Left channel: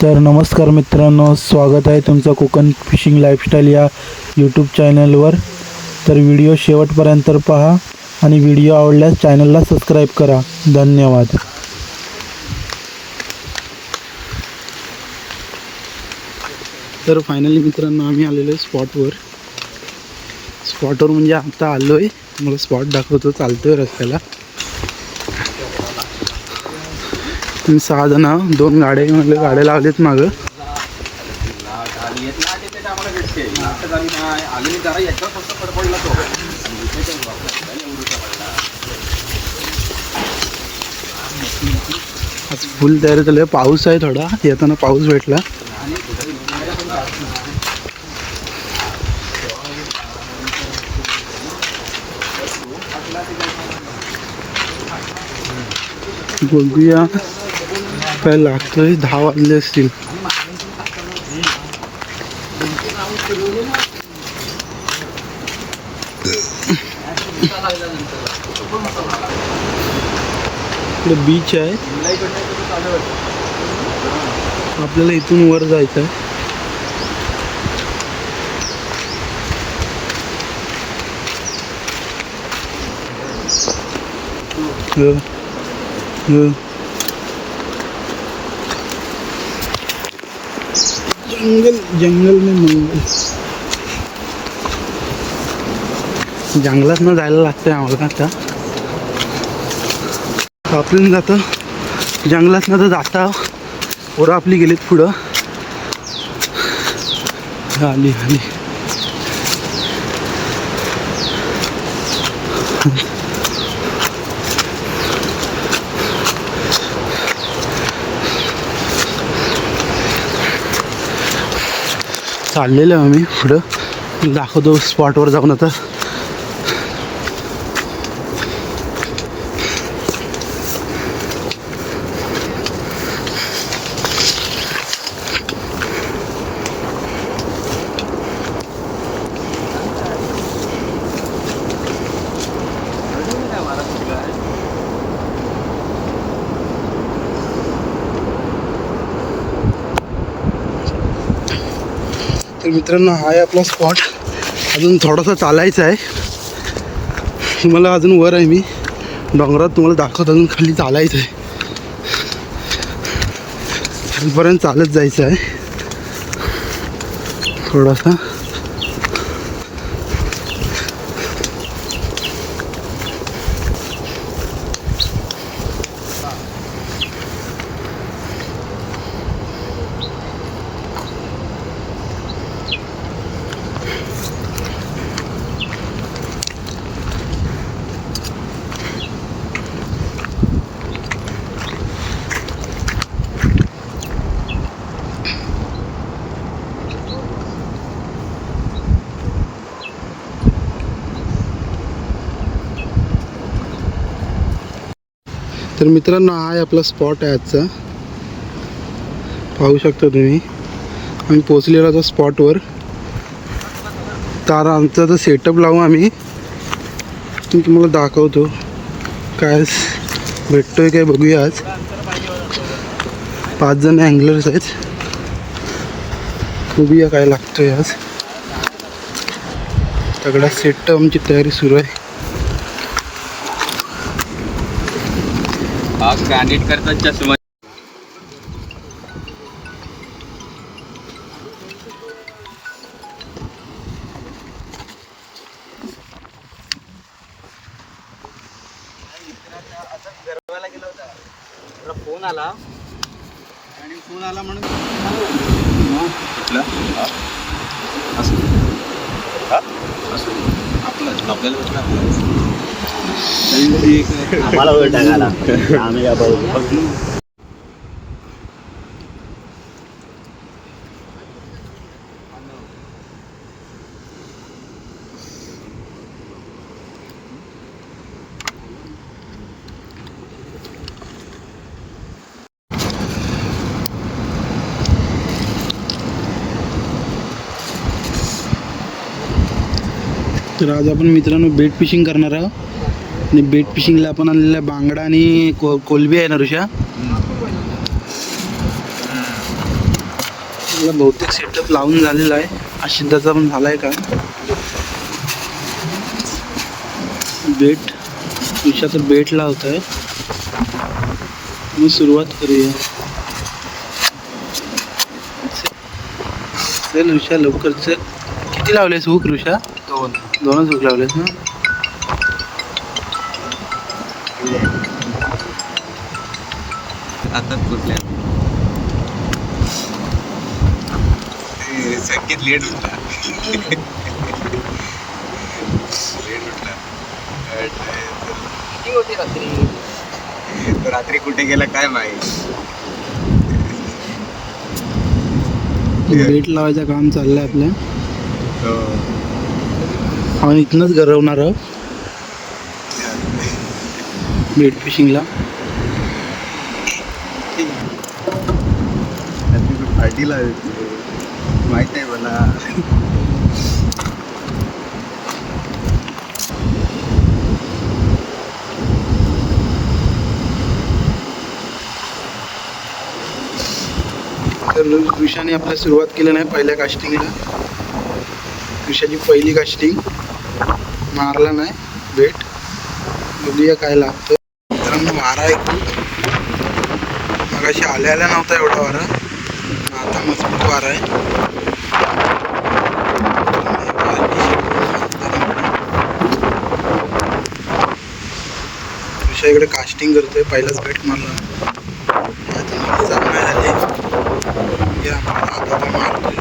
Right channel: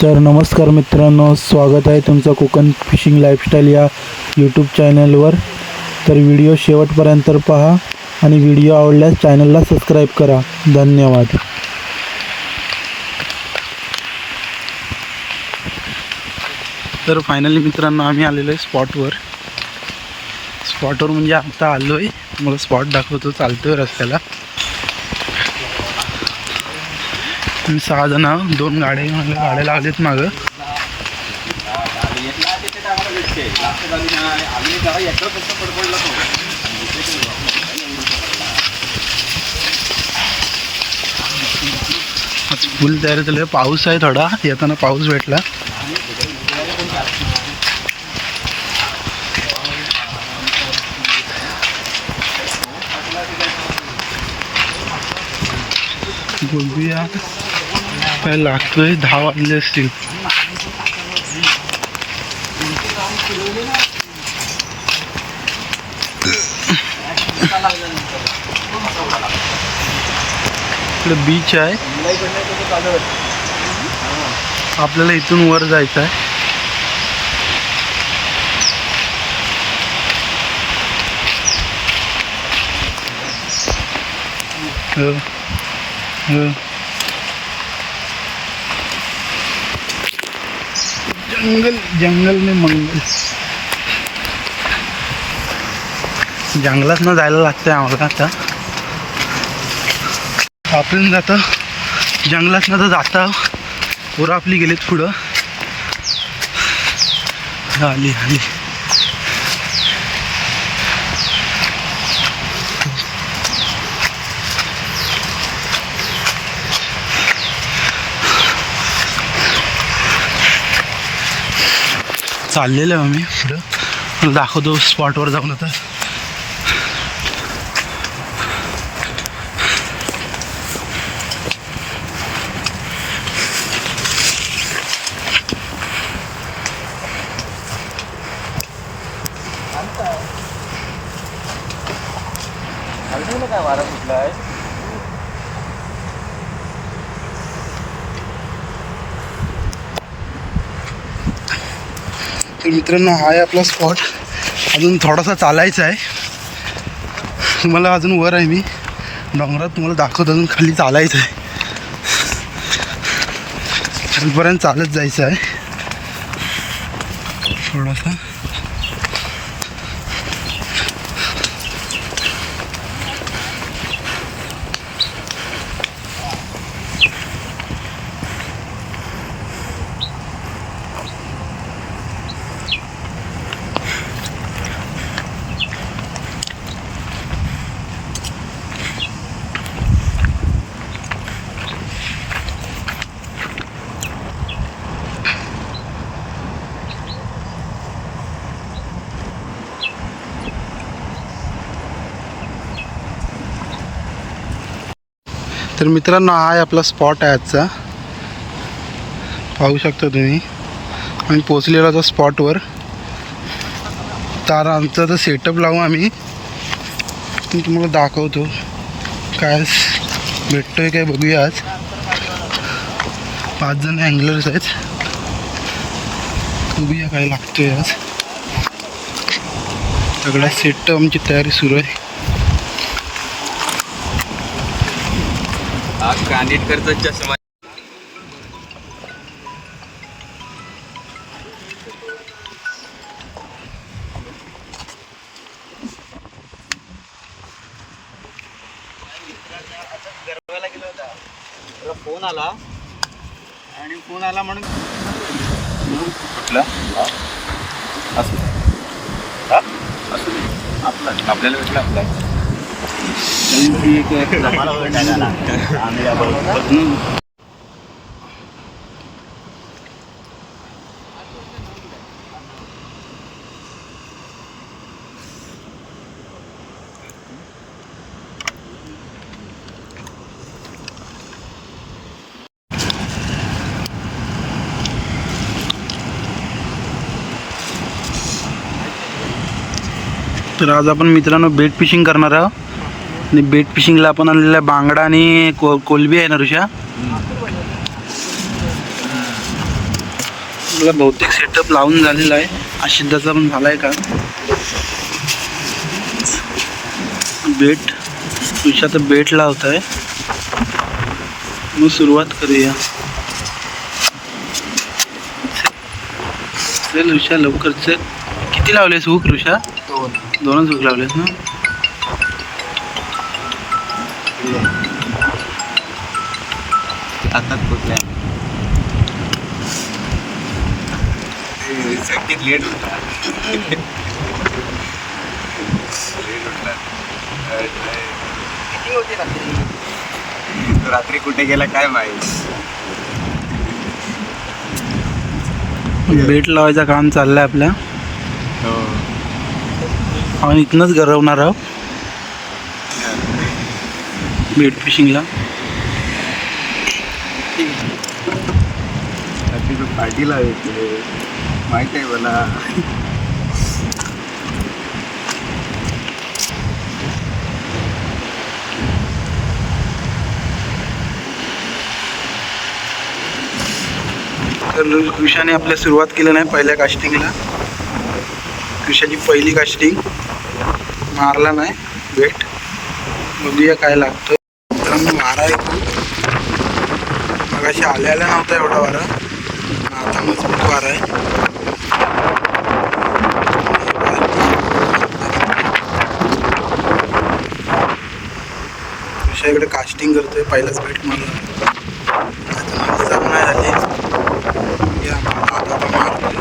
तर नमस्कार मित्रांनो स्वागत आहे तुमचं कोकण फिशिंग लाईफस्टाईल या यूट्यूब चॅनलवर तर व्हिडिओ शेवटपर्यंत पहा आणि व्हिडिओ आवडल्यास चॅनलला सबस्क्राईब करा. धन्यवाद. तर फायनली मित्रांनो आम्ही आलेलो आहे स्पॉटवर स्पॉटवर म्हणजे आता आलो आहे मला स्पॉट दाखवतो चालतो आहे रस्त्याला. तुम्ही सहा जण दोन गाड्या घेऊन गाड्या लावलेत मागं. आज फुल तयारी झाली आहे. पाऊस आहे थोडा. येताना पाऊस भेटला. बघूया. काय लागतोय दहा वाजले असतील इकडे बीच आहे आपल्याला इथून वर जायचं आहे Yeah. Yeah. जंगल जंगल में मंगल। जंगलात न जायला लागतंय आम्हाला आता. आपल्याला जातं जंगलात न तर जाता. पोरं आपली गेलीत पुढं. आली आली. चाललेलं आहे आम्ही पुढं. दाखवतो स्पॉटवर जाऊन आता. तर मित्रांनो हा आहे आपला स्पॉट अजून थोडासा चालायचा आहे. तुम्हाला अजून वर आहे मी. डोंगरात तुम्हाला दाखवत अजून खाली चालायचं आहे. खालीपर्यंत चालत जायचं आहे. थोडासा. तर मित्रांनो हा आहे आपला स्पॉट आहे आजचा. पाहू शकता तुम्ही. आम्ही पोचलेलो आता स्पॉटवर तर आमचा तर सेटअप लावू आम्ही. मी तुम्हाला दाखवतो. काय भेटतोय काय बघूया आज. पाच जण अँगलर्स आहेत. बघूया काय लागतोय आज. सगळ्या सेटअप आमची तयारी सुरू आहे. हा गांडीत करतात चष्मा. फोन आला आणि फोन आला म्हणून कुठला? असू असू दे. आपला. आपल्याला भेटला आपला. तर आज आपण मित्रांनो बेट फिशिंग करणार आहोत. आणि बेट फिशिंगला आपण आणलेला बांगडा आणि को कोलबी आहे ना ऋषा? मला बहुतेक सेटअप लावून झालेला आहे. आशिद्धाचा पण झाला आहे का? बेट तुझ्या तर बेट लावत आहे. मग सुरुवात करूया. चल ऋषा लवकर चल. किती लावलेस हुक ऋषा? दोन. दोनच हुक लावलेस ना? हातात कुठल्या? संकेत लेट उठला. लेट उठला. किती होते रात्री? रात्री कुठे गेला काय माहीत? बेट लावायचं काम चाललंय आपल्या हो. आपण इथनंच गरवणार आहोत. बेट फिशिंगला ठीक आहे रात्री तू पार्टीला येते माहीत आहे मला. तर कृषाने आपल्या सुरुवात केली नाही पहिल्या कास्टिंगला कृषाची पहिली कास्टिंग मारला नाही भेट. बघूया काय लागतं. मित्रांनो वारा आहे मग मगाशी आल्या नव्हता एवढा वारा. मजबूत वारा आहे. इकडे कास्टिंग करतोय पहिलाच बेट मारला आता नाही झाली हे आम्हाला मारतोय.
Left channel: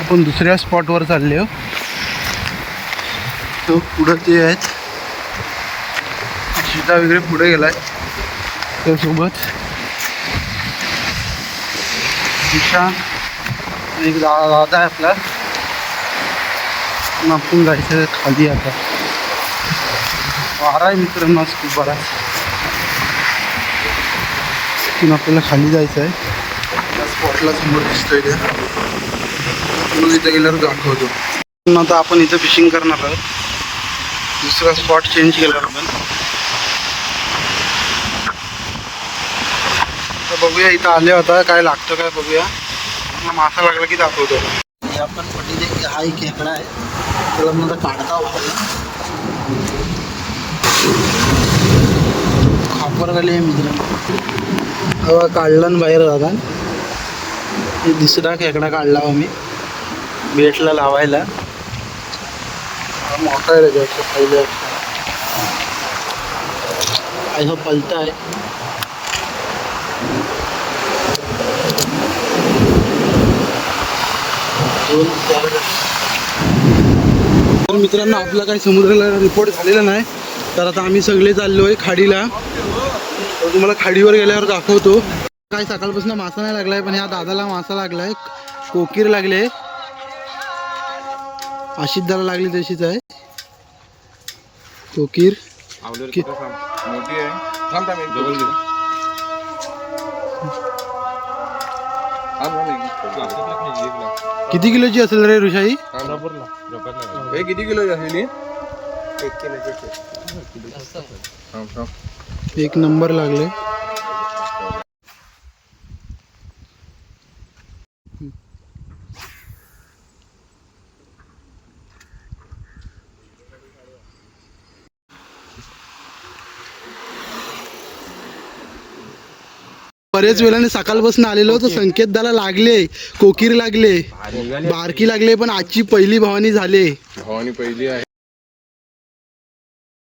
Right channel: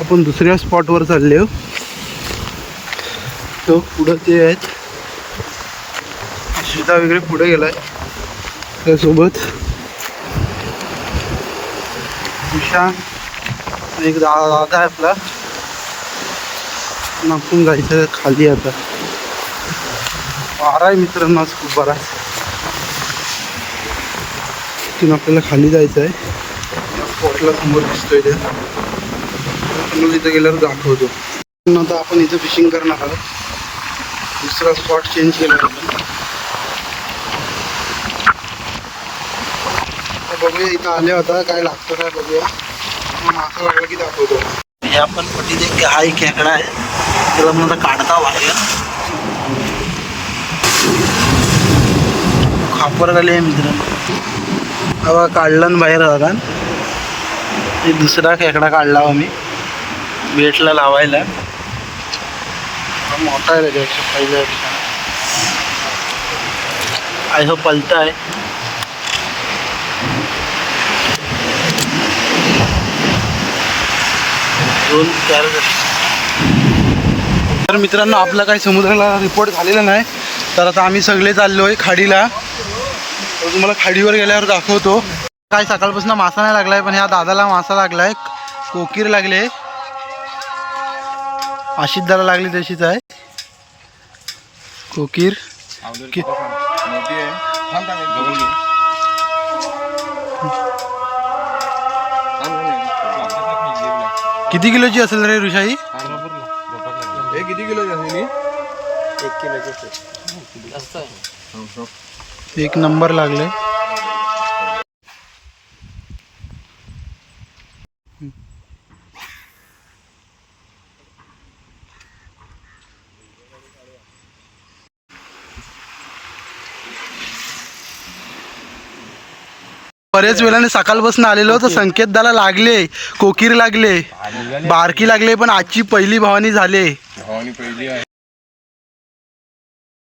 आपण दुसऱ्या स्पॉटवर चालले हो तो पुढं ते आहेत. सीता वगैरे पुढे गेलाय. त्यासोबत दिशा एक दा दादा आहे आपला. पण आपण जायचं खाली आता. वारा आहे मित्र आज खूप बरा तिथून आपल्याला खाली जायचं आहे. या स्पॉटला समोर दिसतोय त्या. तर इथं गेल्यावर दाखवतो. पण आता आपण इथं फिशिंग करणार आहोत. दुसरा स्पॉट चेंज केला आपण बघूया इथं आले होता काय लागतं काय बघूया. मासा लागला की दाखवतो. हे आपण पटी दे हा एक खेकडा आहे. त्याला पण आता काढता बाहेर. खापर झाले आहे मित्र. हवा काढला न बाहेर एक दुसरा खेकडा काढला हो मी. बेटला लावायला. हा मोठा आहे त्याच्यापेक्षा पहिल्यापेक्षा आय हो पलटा आहे. दोन चार तर मित्रांनो आपला काही समुद्राला रिपोर्ट झालेला नाही. तर आता आम्ही सगळे चाललो आहे खाडीला. तर तुम्हाला खाडीवर गेल्यावर दाखवतो. काय सकाळपासून मासा नाही लागलाय पण ह्या दादाला मासा लागलाय. कोकीर लागले. आशिद्दाला लागली तशीच आहे. कोकीर. मोठी आहे. किती किलोची असेल रे ऋषाई? हे किती किलो झालेली एक किलो एक नंबर लागले. बरेच वेळाने सकाळपासून आलेलो तर संकेत दाला लागले कोकीर लागले बारकी लागले पण आजची पहिली भवानी झाले. भवानी पहिली आहे.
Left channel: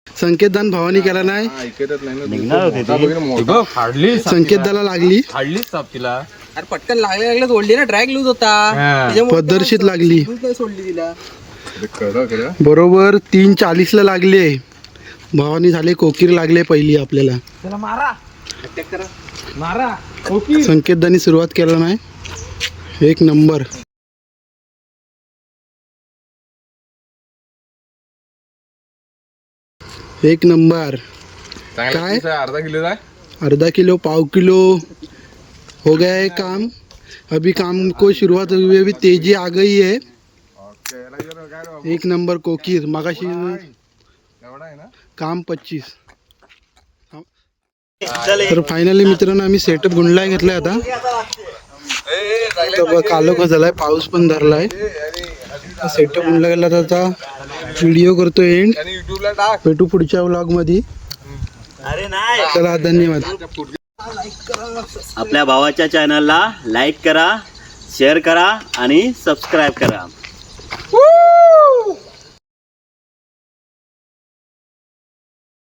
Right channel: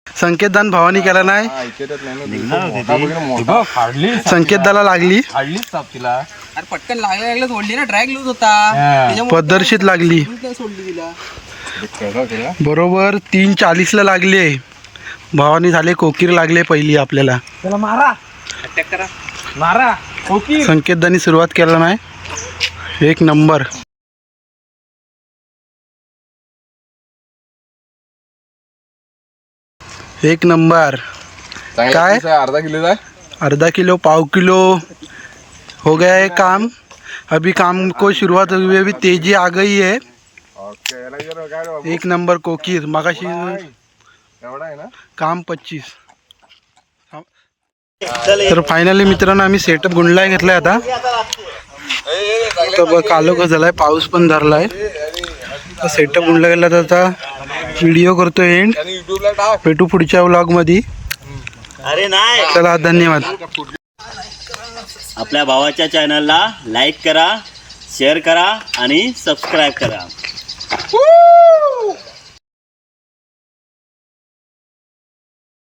संकेत दान भवानी केला नाही. ऐकतच नाही ना मोठा बघ ना मोठा. फाडली संकेत दाला लागली. तिला अरे पटकन लागल्या लागल्या सोडली ना ट्रॅक लूज होता. पद्धतशीर लागली. सोडली तिला. बरोबर तीन चाळीसला लागले. भवानी झाले कोकीर लागले पहिली आपल्याला. मारा. संकेत दानी सुरुवात केला नाही. एक नंबर. एक नंबर. काय? अर्धा किलोचा आधा किलो पाव किलो. हो गया है काम. अभी काम को शुरुआत हुई अभी तेज़ी आ गई है. एक नंबर कोकीर मगाशी एवढा आहे ना? काम पच्चीस। तर फायनली मित्रांनो आम्ही सेटअप गुंडला घेतलाय आता. बघ कालो कसं झालाय पाऊस पण धरलाय. सेटअप म्हणलं गेला तर आता व्हिडिओ करतो एंड भेटू पुढच्या व्लॉगमध्ये चला धन्यवाद. आपल्या भावाच्या चॅनलला लाईक करा शेअर करा आणि सबस्क्राईब करा.